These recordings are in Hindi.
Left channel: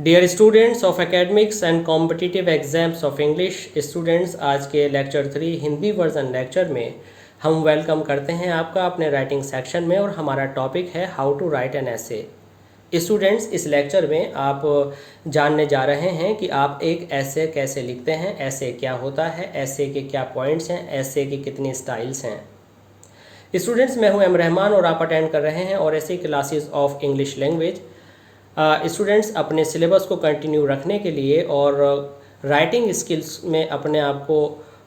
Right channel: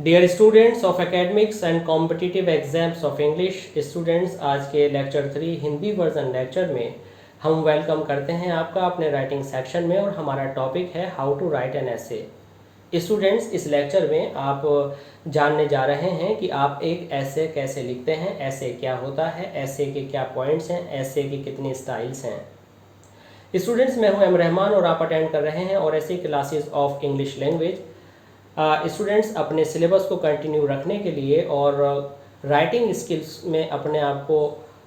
Dear students of academics and competitive exams of English students, आज के लेक्चर 3 हिंदी वर्जन लेक्चर में हम वेलकम करते हैं आपका अपने राइटिंग सेक्शन में। और हमारा टॉपिक है हाउ टू राइट एन ऐसे। स्टूडेंट्स, इस लेक्चर में आप जानने जा रहे हैं कि आप एक ऐसे कैसे लिखते हैं, ऐसे क्या होता है, ऐसे के क्या पॉइंट्स हैं, ऐसे की कितनी स्टाइल्स हैं। स्टूडेंट्स, मैं हूं एम रहमान और आप अटेंड कर रहे हैं और ऐसी classes of English language. Students, अपने सिलेबस को कंटिन्यू रखने के लिए और राइटिंग स्किल्स में अपने आप को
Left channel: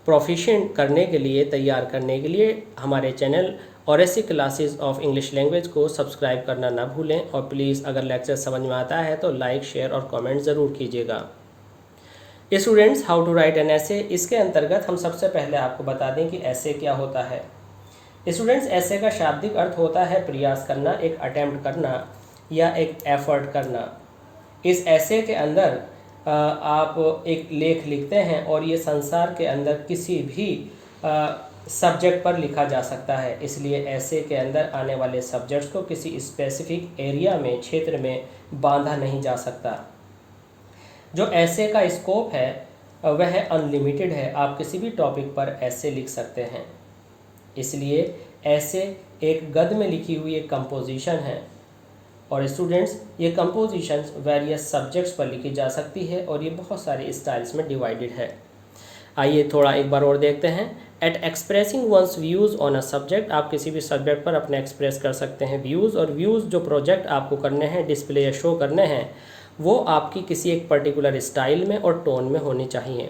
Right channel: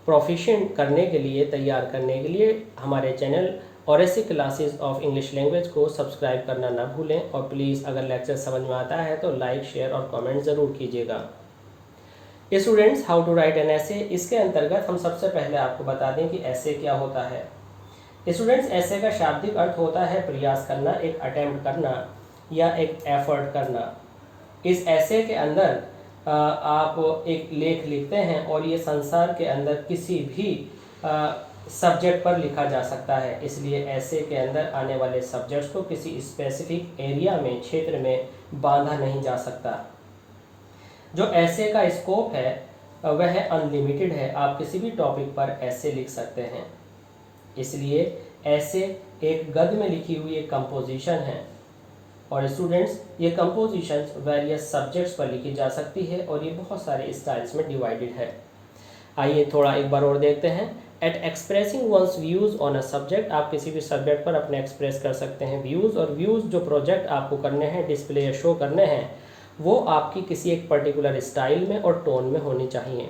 प्रोफिशिएंट करने के लिए, तैयार करने के लिए हमारे चैनल और ऐसी क्लासेस ऑफ इंग्लिश लैंग्वेज को सब्सक्राइब करना ना भूलें। और प्लीज़ अगर लेक्चर समझ में आता है तो लाइक, शेयर और कमेंट ज़रूर कीजिएगा। Students, how to write an essay, इसके अंतर्गत हम सबसे पहले आपको बता दें कि ऐसे क्या होता है। स्टूडेंट्स, ऐसे का शाब्दिक अर्थ होता है प्रयास करना, एक अटेम्प्ट करना या एक एफर्ट करना। इस ऐसे के अंदर आप एक लेख लिखते हैं और ये संसार के अंदर किसी भी सब्जेक्ट पर लिखा जा सकता है, इसलिए ऐसे के अंदर आने वाले सब्जेक्ट्स को किसी स्पेसिफिक एरिया में, क्षेत्र में बांधा नहीं जा सकता। जो ऐसे का स्कोप है वह अनलिमिटेड है, आप किसी भी टॉपिक पर ऐसे लिख सकते हैं। इसलिए ऐसे एक गद्य में लिखी हुई एक कंपोजिशन है और स्टूडेंट्स, ये कंपोजिशंस वेरियस सब्जेक्ट्स पर लिखी जा सकती है और ये बहुत सारे स्टाइल्स में डिवाइडेड है। आइए थोड़ा एक बार और देखते हैं। Eight expressing one's views on a subject, आप किसी भी सब्जेक्ट पर अपने एक्सप्रेस कर सकते हैं व्यूज़, और व्यूज़ जो प्रोजेक्ट आपको करने हैं, डिस्प्ले या शो करने हैं, वो आपकी किसी एक पर्टिकुलर स्टाइल में और टोन में होनी चाहिए।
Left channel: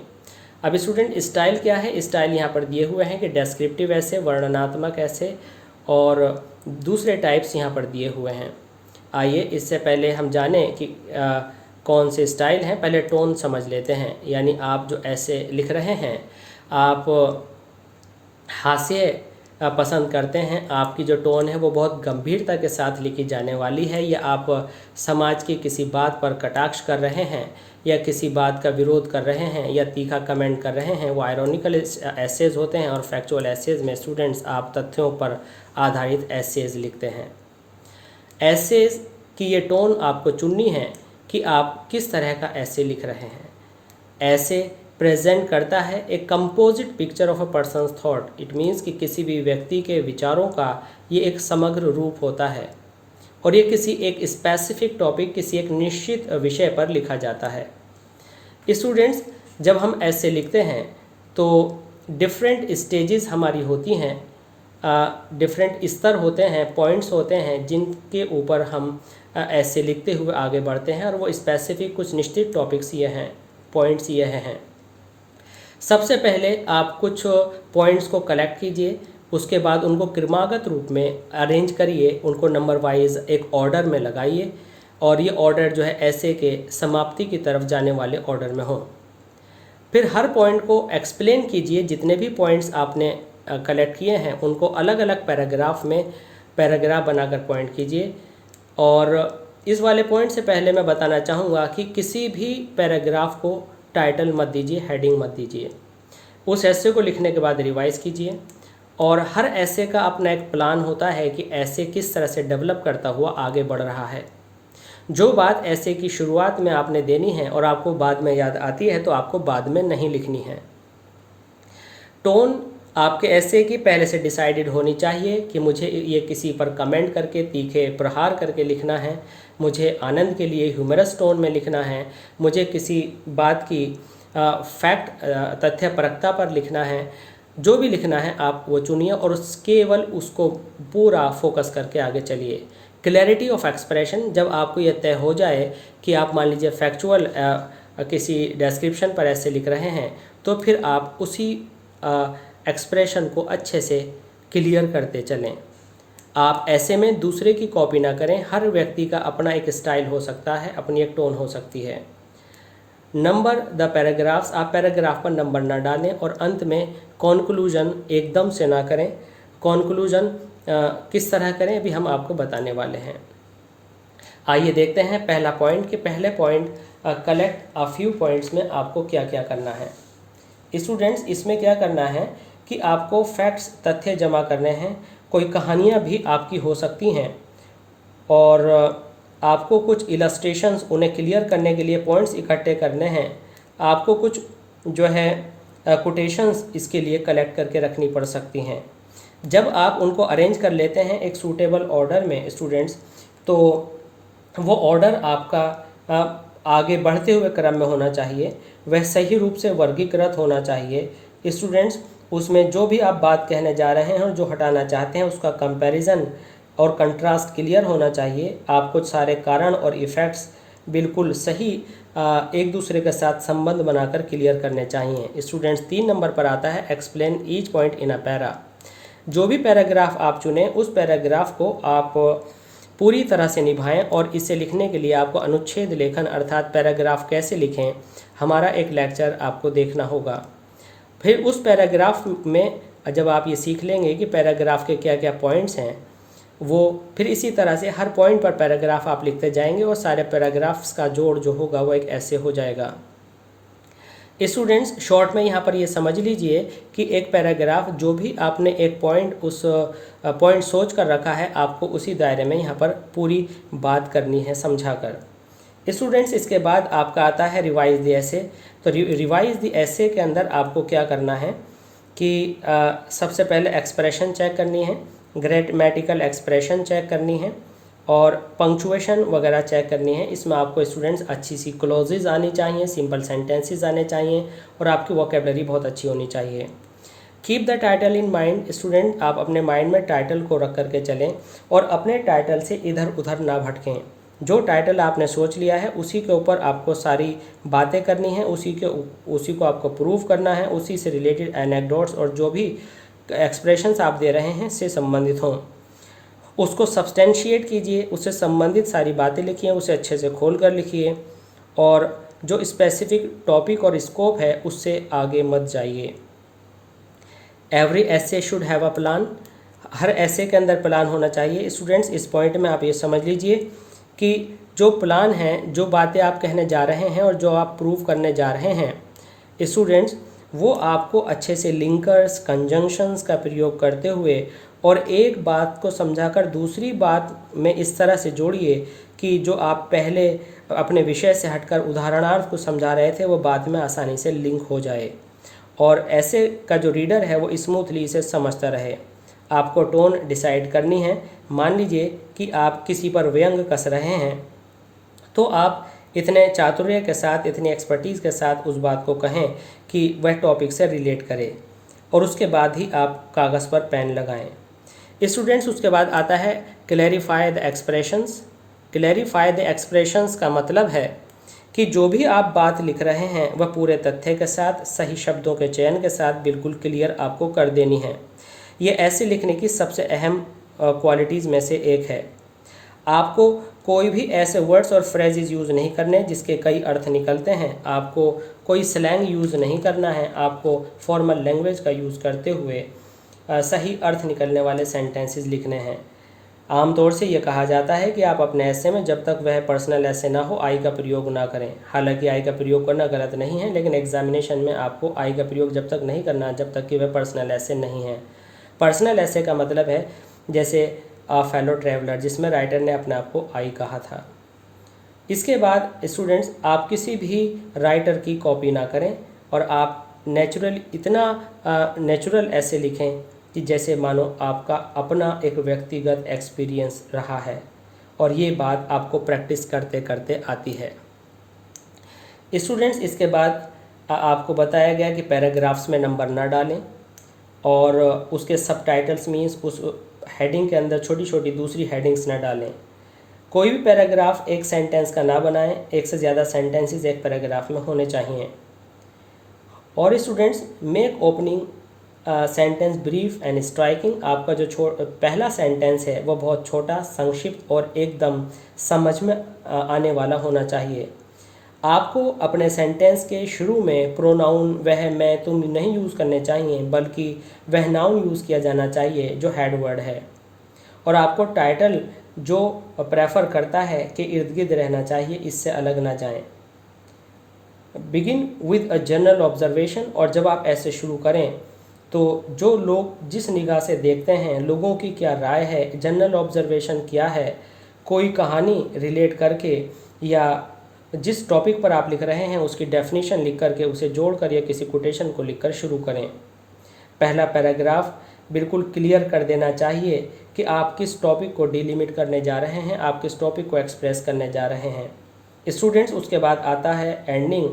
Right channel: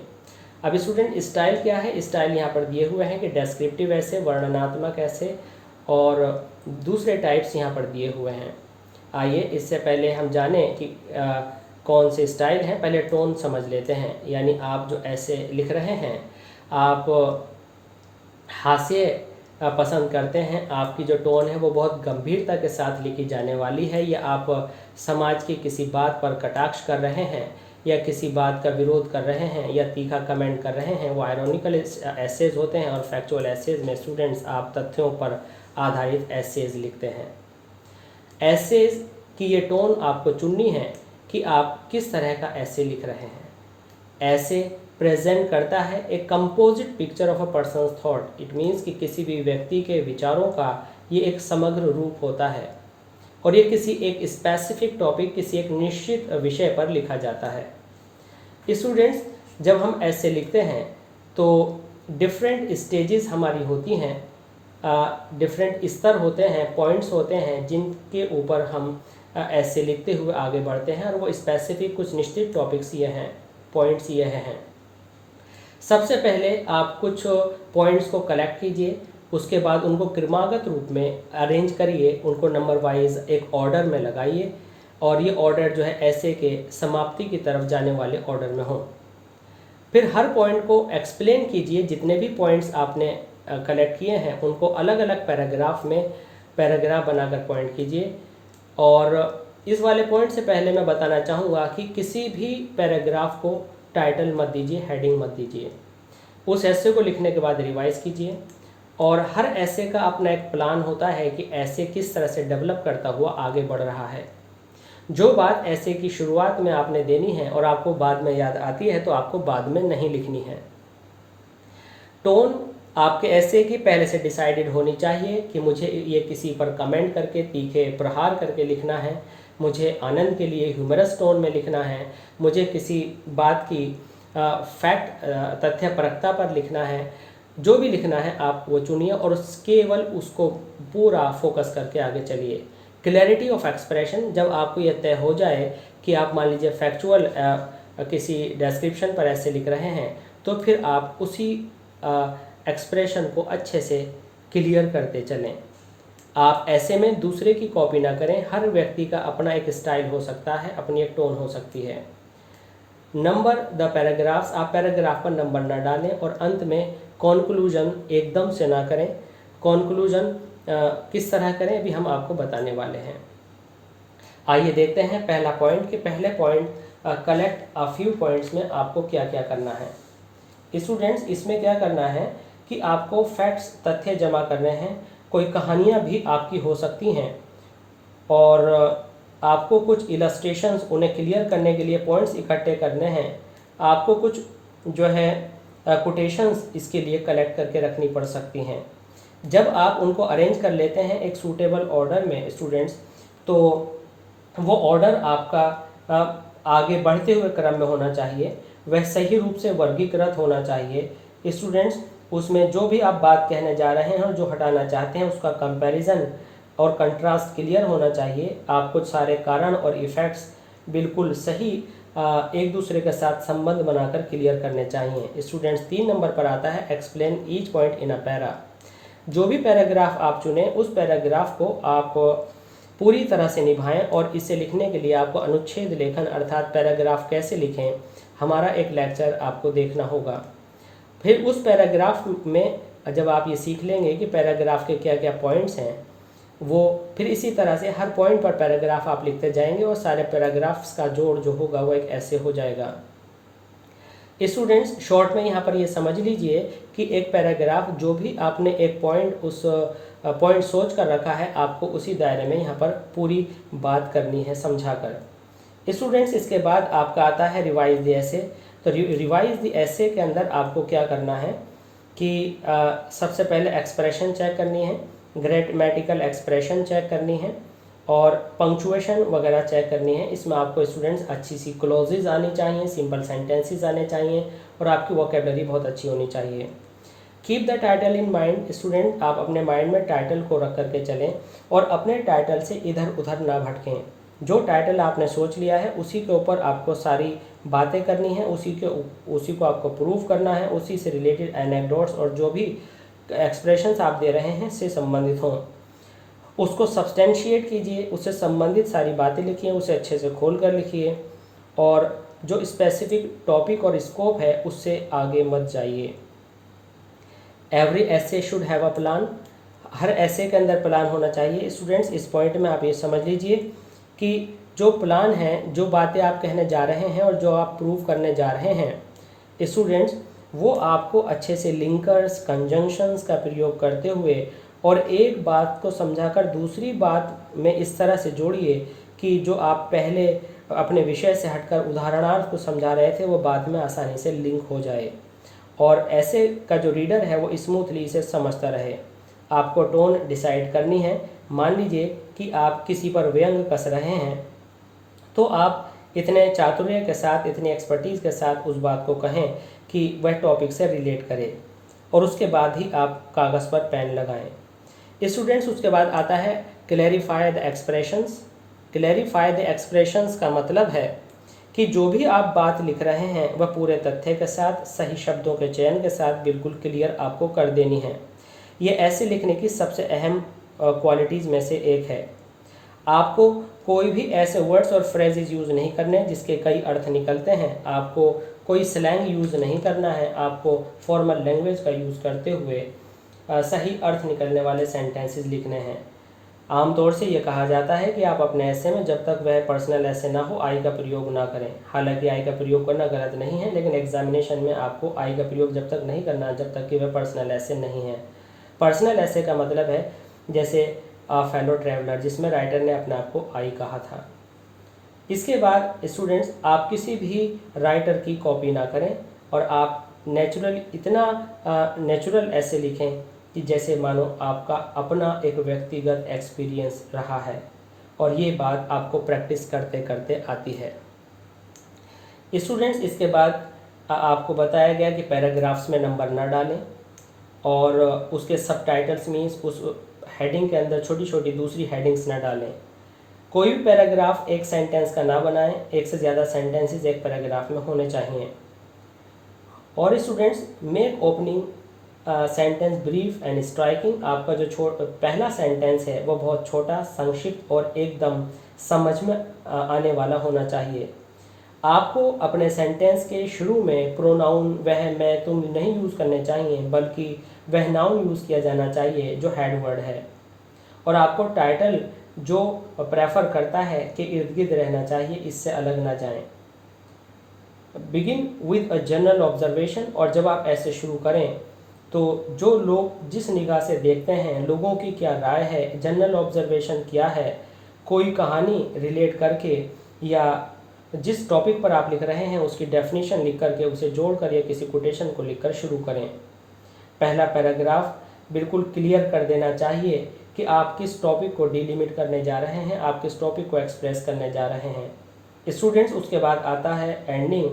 अब स्टूडेंट, स्टाइल क्या है? स्टाइल यहाँ पर दिए हुए हैं कि डेस्क्रिप्टिव ऐसे, वर्णनात्मक ऐसे और दूसरे टाइप्स यहाँ पर दिए हुए हैं। आइए इससे पहले हम जानें कि कौन से स्टाइल हैं। पहले टोन समझ लेते हैं, यानी आप जो ऐसे लिख रहे हैं, आप हास्य पसंद करते हैं, आपकी जो टोन है वो बहुत गंभीरता के साथ लिखी जाने वाली है, या आप समाज की किसी बात पर कटाक्ष कर रहे हैं या किसी बात का विरोध कर रहे हैं या तीखा कमेंट कर रहे हैं, वो आयरॉनिकल एसेज होते हैं। और फैक्चुअल एसेज में स्टूडेंट्स आप तथ्यों पर आधारित एसेज लिखते हैं। एसेज की ये टोन आपको चुननी है कि आप किस तरह का ऐसे लिख रहे हैं। ऐसे प्रेजेंट करता है एक composite picture of a persons thought. It means कि किसी भी व्यक्ति के विचारों का ये एक समग्र रूप होता है और ये किसी एक स्पेसिफिक टॉपिक, किसी एक निश्चित विषय पर लिखा जाता है। स्टूडेंट्स, जब हम ऐसे लिखते हैं तो डिफरेंट स्टेजेस हमारी होती हैं, डिफरेंट स्तर होते हैं, पॉइंट्स होते हैं जिनके ऊपर हम ऐसे लिखते हुए आगे बढ़ते हैं, और वो स्पेसिफिक कुछ निश्चित टॉपिक्स ये हैं, पॉइंट्स ये हैं। सबसे पहले आप कुछ पॉइंट्स को कलेक्ट कीजिए, उसके बाद उनको क्रमागत रूप में अरेंज करिए, उनको नंबर वाइज एक ऑर्डर में लगाइए और ये ऑर्डर जो है ऐसे के समाप्ति की तरफ जाने वाले ऑर्डर में हो। फिर हर पॉइंट को एक्सप्लेन कीजिए, जितने भी पॉइंट्स आपने कलेक्ट किए हैं उनको अलग अलग पैराग्राफ में पैराग्राफ बनाकर पॉइंट कीजिए। और इस वाले पॉइंट से पहले मैं बताना चाहूँगा कि किसी भी पैराग्राफ को टाइटल मत दीजिए, हेडिंग मत दीजिए। उस ऐसे को लिखने के बाद रिवाइज कीजिए, और हर ऐसे का अपना एक प्लान होता है कि ऐसे किस तरह से डेवलप करता हुआ आगे बढ़ रहा है। जो बात ऐसे की शुरुआत में आपने देनी है और आपको बाद में याद आती है तो आपको बाद में नहीं लिखनी है। टोन आपके ऐसे की पहले से डिसाइडेड होनी चाहिए कि मुझे ये किसी पर कमेंट करके, तीखे प्रहार करके लिखना है, मुझे आनंद के लिए ह्यूमरस टोन में लिखना है, मुझे किसी बात की फैक्ट, तथ्यपरकता पर लिखना है। जो भी लिखना है आप वो चुनिए और केवल उसको पूरा फोकस करके आगे चलिए। क्लैरिटी ऑफ एक्सप्रेशन, जब आपको यह तय हो जाए कि आप मान लीजिए फैक्चुअल किसी डिस्क्रिप्शन पर ऐसे लिख रहे हैं, तो फिर आप उसी एक्सप्रेशन को अच्छे से क्लियर करते चलें। आप ऐसे में दूसरे की कॉपी ना करें। हर व्यक्ति का अपना एक स्टाइल हो सकता है, अपनी एक टोन हो सकती है। नंबर द पैराग्राफ्स, आप पैराग्राफ पर नंबर ना डालें और अंत में कॉन्क्लूजन एकदम से ना करें। कॉन्क्लूजन किस तरह करें अभी हम आपको बताने वाले हैं। आइए देखते हैं पहला पॉइंट कि पहले point collect a few points में आपको क्या क्या करना है। स्टूडेंट्स, इसमें क्या करना है कि आपको फैक्ट्स, तथ्य जमा करने हैं। कोई कहानियाँ भी आपकी हो सकती हैं और आपको कुछ इलस्ट्रेशंस उन्हें क्लियर करने के लिए पॉइंट्स इकट्ठे करने हैं, आपको कुछ जो है कोटेशंस इसके लिए कलेक्ट करके रखनी पड़ सकती हैं। जब आप उनको अरेंज कर लेते हैं एक सूटेबल ऑर्डर में स्टूडेंट्स, तो वो ऑर्डर आपका आगे बढ़ते हुए क्रम में होना चाहिए, वह सही रूप से वर्गीकृत होना चाहिए स्टूडेंट्स। उसमें जो भी आप बात कहने जा रहे हैं और जो हटाना चाहते हैं उसका कंपैरिजन और कंट्रास्ट क्लियर होना चाहिए। आप कुछ सारे कारण और इफ़ेक्ट्स बिल्कुल सही एक दूसरे के साथ संबंध बनाकर क्लियर करने चाहिए स्टूडेंट्स। 3 नंबर पर आता है explain each point in a para. जो भी पैराग्राफ आप चुनें उस पैराग्राफ को आप पूरी तरह से निभाएं, और इसे लिखने के लिए आपको अनुच्छेद लेखन अर्थात पैराग्राफ कैसे लिखें, हमारा एक लेक्चर आपको देखना होगा। फिर उस पैराग्राफ में जब आप ये सीख लेंगे कि पैराग्राफ के क्या क्या पॉइंट्स हैं, वो फिर इसी तरह से हर पॉइंट पर पैराग्राफ आप लिखते जाएंगे और सारे पैराग्राफ्स का जोड़ जो होगा वो एक ऐसे हो जाएगा। स्टूडेंट्स शॉर्ट में यहाँ पर ये समझ लीजिए कि एक पैराग्राफ जो भी आपने एक पॉइंट उस पॉइंट सोच कर रखा है, आपको उसी दायरे में यहाँ पर पूरी बात करनी है समझा कर। स्टूडेंट्स इसके बाद आपका आता है रिवाइज द एसे। तो रिवाइज द एसे के अंदर आपको क्या करना है कि सबसे पहले एक्सप्रेशन चेक करनी है, ग्रामेटिकल एक्सप्रेशन चेक करनी है और पंक्चुएशन वगैरह चेक करनी है। इसमें आपको स्टूडेंट्स अच्छी सी क्लोजेज आनी चाहिए, सिंपल सेंटेंसेस आने चाहिए और आपकी वोकेबलरी बहुत अच्छी होनी चाहिए। Keep the title in mind student, आप अपने माइंड में टाइटल को रख करके चलें और अपने टाइटल से इधर उधर ना भटकें। जो टाइटल आपने सोच लिया है उसी के ऊपर आपको सारी बातें करनी है, उसी को आपको प्रूव करना है, उसी से रिलेटेड एनेक्डोट्स और जो भी एक्सप्रेशंस आप दे रहे हैं से संबंधित हों, उसको सब्सटेंशिएट कीजिए, उससे संबंधित सारी बातें लिखिए, उसे अच्छे से खोल कर लिखिए और जो स्पेसिफिक टॉपिक और स्कोप है उससे आगे मत जाइए। Every essay should have a plan, हर ऐसे के अंदर प्लान होना चाहिए स्टूडेंट्स। इस पॉइंट में आप ये समझ लीजिए कि जो प्लान है, जो बातें आप कहने जा रहे हैं और जो आप प्रूव करने जा रहे हैं स्टूडेंट्स, वो आपको अच्छे से लिंकर्स कंजंक्शंस का प्रयोग करते हुए और एक बात को समझाकर दूसरी बात में इस तरह से जोड़िए कि जो आप पहले अपने विषय से हटकर उदाहरणार्थ को समझा रहे थे वो बाद में आसानी से लिंक हो जाए और ऐसे का जो रीडर है वो स्मूथली इसे समझता रहे। आपको टोन डिसाइड करनी है। मान लीजिए कि आप किसी पर व्यंग कस रहे हैं तो आप इतने चातुर्य के साथ, इतनी एक्सपर्टीज़ के साथ उस बात को कहें कि वह टॉपिक से रिलेट करे और उसके बाद ही आप कागज़ पर पेन लगाएं। स्टूडेंट्स उसके बाद आता है clarify the expressions. Clarify the expressions का मतलब है कि जो भी आप बात लिख रहे हैं वह पूरे तथ्य के साथ, सही शब्दों के चयन के साथ बिल्कुल क्लियर आपको कर देनी है। ये ऐसे लिखने की सबसे अहम क्वालिटीज़ में से एक है। आपको कोई भी ऐसे वर्ड्स और फ्रेजेस यूज़ नहीं करने जिसके कई अर्थ निकलते हैं। आपको कोई स्लैंग यूज़ नहीं करना है। आपको फॉर्मल लैंग्वेज का यूज़ करते हुए सही अर्थ निकलने वाले सेंटेंसेस लिखने हैं। आमतौर से ये कहा जाता है कि आप अपने ऐसे में जब तक वह पर्सनल ऐसे ना हो आई का प्रयोग ना करें। हालांकि आई का प्रयोग करना गलत नहीं है, लेकिन एग्जामिनेशन में आपको आई का प्रयोग जब तक नहीं करना जब तक कि वह पर्सनल ऐसे नहीं है। पर्सनल ऐसे का मतलब है जैसे आ फेलो ट्रैवलर, जिसमें राइटर ने अपने आप को आई कहा था। इसके बाद स्टूडेंट्स आप किसी भी राइटर की कॉपी ना करें और आप इतना नेचुरल ऐसे लिखें कि जैसे मानो आपका अपना एक व्यक्तिगत एक्सपीरियंस रहा है और ये बात आपको प्रैक्टिस करते करते आती है। स्टूडेंट्स इसके बाद आपको बताया गया कि पैराग्राफ्स में नंबर ना डालें और उसके सबटाइटल्स मीन्स उस हेडिंग के अंदर छोटी छोटी दूसरी हेडिंग्स ना डालें। कोई भी पैराग्राफ एक सेंटेंस का ना बनाएं, एक से ज़्यादा सेंटेंसेस एक पैराग्राफ में होने चाहिए। और students make opening sentence brief and striking. आपका जो पहला सेंटेंस है वो बहुत छोटा, संक्षिप्त और एकदम समझ में आने वाला होना चाहिए। आपको अपने सेंटेंस के शुरू में प्रोनाउन वह, मैं, तुम नहीं यूज़ करने चाहिए, बल्कि वह नाउन यूज़ किया जाना चाहिए जो हेड वर्ड है। और आपको टाइटल जो प्रेफर करता है कि इर्द गिर्द रहना चाहिए, इससे अलग ना जाएं। Begin with a general observation. और जब आप ऐसे शुरू करें तो जो लोग जिस निगाह से देखते हैं, लोगों की क्या राय है, जनरल ऑब्जर्वेशन क्या है, कोई कहानी रिलेट करके या जिस टॉपिक पर आप लिख रहे हैं उसकी डेफिनेशन लिख करके उसे जोड़कर या किसी कोटेशन को लिखकर शुरू करें। पहला पैराग्राफ बिल्कुल क्लियर कर देना चाहिए कि आप किस टॉपिक को डिलिमिट करने जा रहे हैं, आप किस टॉपिक को एक्सप्रेस करने जा रहे हैं। स्टूडेंट्स, उसके बाद आता है एंडिंग।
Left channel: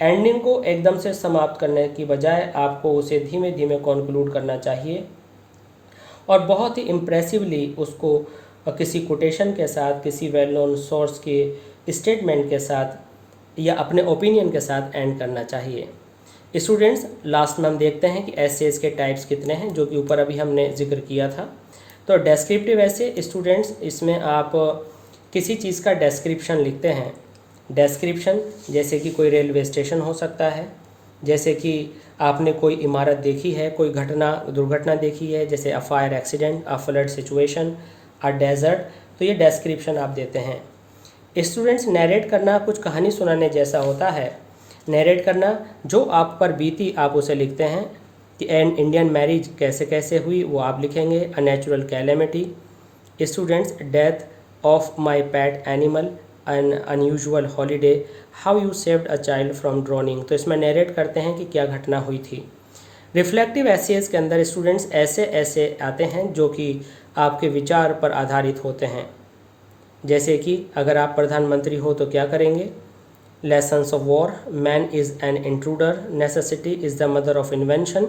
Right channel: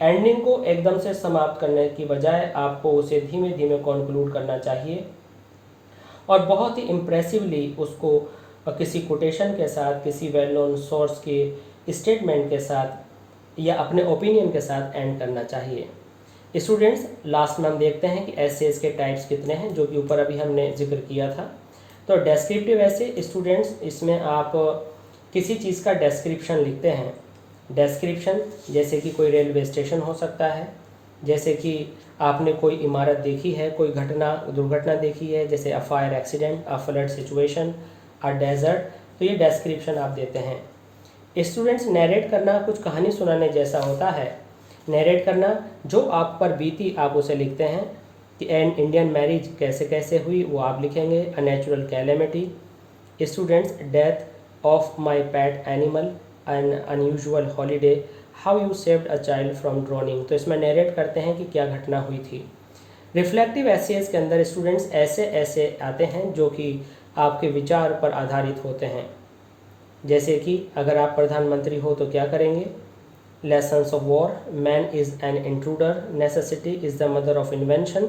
एंडिंग को एकदम से समाप्त करने की बजाय आपको उसे धीमे धीमे कंक्लूड करना चाहिए और बहुत ही इम्प्रेसिवली उसको किसी कोटेशन के साथ, किसी वेल नोन सोर्स के स्टेटमेंट के साथ या अपने ओपिनियन के साथ एंड करना चाहिए। स्टूडेंट्स, लास्ट में हम देखते हैं कि एसेज के टाइप्स कितने हैं, जो कि ऊपर अभी हमने जिक्र किया था। तो डेस्क्रिप्टिव ऐसे स्टूडेंट्स, इसमें आप किसी चीज़ का डेस्क्रिप्शन लिखते हैं। डेस्क्रिप्शन जैसे कि कोई रेलवे स्टेशन हो सकता है, जैसे कि आपने कोई इमारत देखी है, कोई दुर्घटना देखी है, जैसे a fire accident, a flood situation, a desert, तो ये डेस्क्रिप्शन आप देते हैं। स्टूडेंट्स, नैरेट करना कुछ कहानी सुनाने जैसा होता है। नैरेट करना, जो आप पर बीती आप उसे लिखते हैं कि एन इंडियन मैरिज कैसे कैसे हुई वो आप लिखेंगे। A natural calamity. Students, death of my PAT animal, N unusual holiday, how you saved a child from droning, तो इसमें नैरेट करते हैं कि क्या घटना हुई थी। रिफ्लेक्टिव एसेज के अंदर स्टूडेंट्स ऐसे आते हैं जो कि आपके विचार पर आधारित होते हैं। जैसे कि अगर आप प्रधानमंत्री हो तो क्या करेंगे। Lessons of war, man is an intruder, necessity is the mother of invention,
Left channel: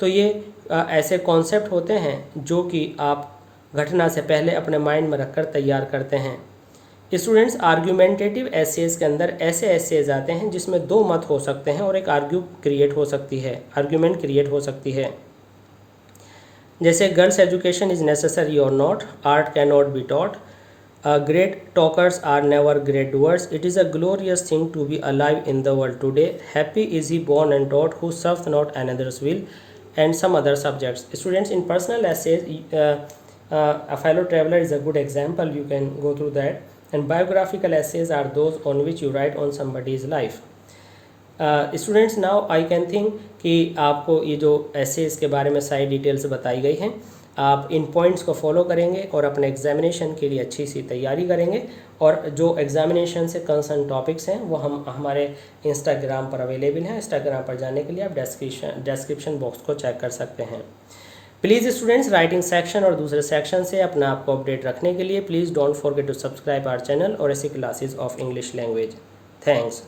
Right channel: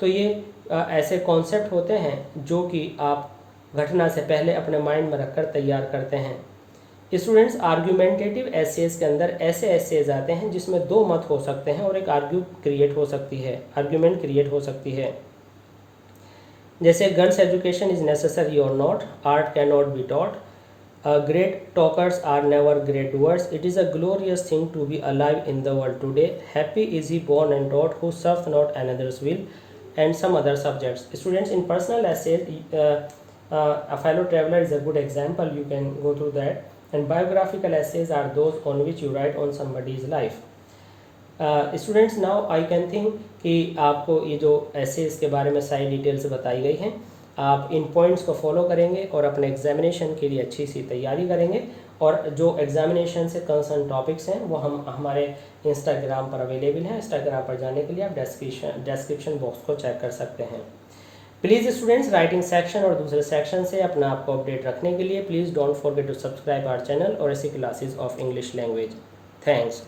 तो ये ऐसे कॉन्सेप्ट होते हैं जो कि आप घटना से पहले अपने माइंड में रखकर तैयार करते हैं। स्टूडेंट्स, आर्ग्यूमेंटेटिव एसेज के अंदर ऐसे एसेज आते हैं जिसमें दो मत हो सकते हैं और एक आर्ग्यूमेंट क्रिएट हो सकती है। जैसे गर्ल्स एजुकेशन इज नेसेसरी और not, art can not be taught, great talkers are never great doers, it is a glorious thing to be alive in the world today, happy is he born and taught who serves not another's will, and some other subjects. Students, in personal essays, a fellow traveler is a good example, you can go through that. And biographical essays are those on which you write on somebody's life. Students, now I can think कि आपको ये जो एसेज के बारे में सारी डिटेल्स बताई गई हैं, आप इन पॉइंट्स को फॉलो करेंगे और अपने एग्जामिनेशन के लिए अच्छी सी तैयारी करेंगे। और जो एग्जामिनेशन से कंसर्न टॉपिक्स हैं वो हम हमारे इंस्टाग्राम पर अवेलेबल हैं। इंस्टाग्राम पर जाने के लिए आप डिस्क्रिप्शन बॉक्स को चेक कर सकते हैं। प्लीज़ स्टूडेंट्स, राइटिंग सेक्शन और दूसरे सेक्शन से अपने आप को अपडेट रखने के लिए please don't forget to subscribe our channel और ऐसी classes of English language. Thanks.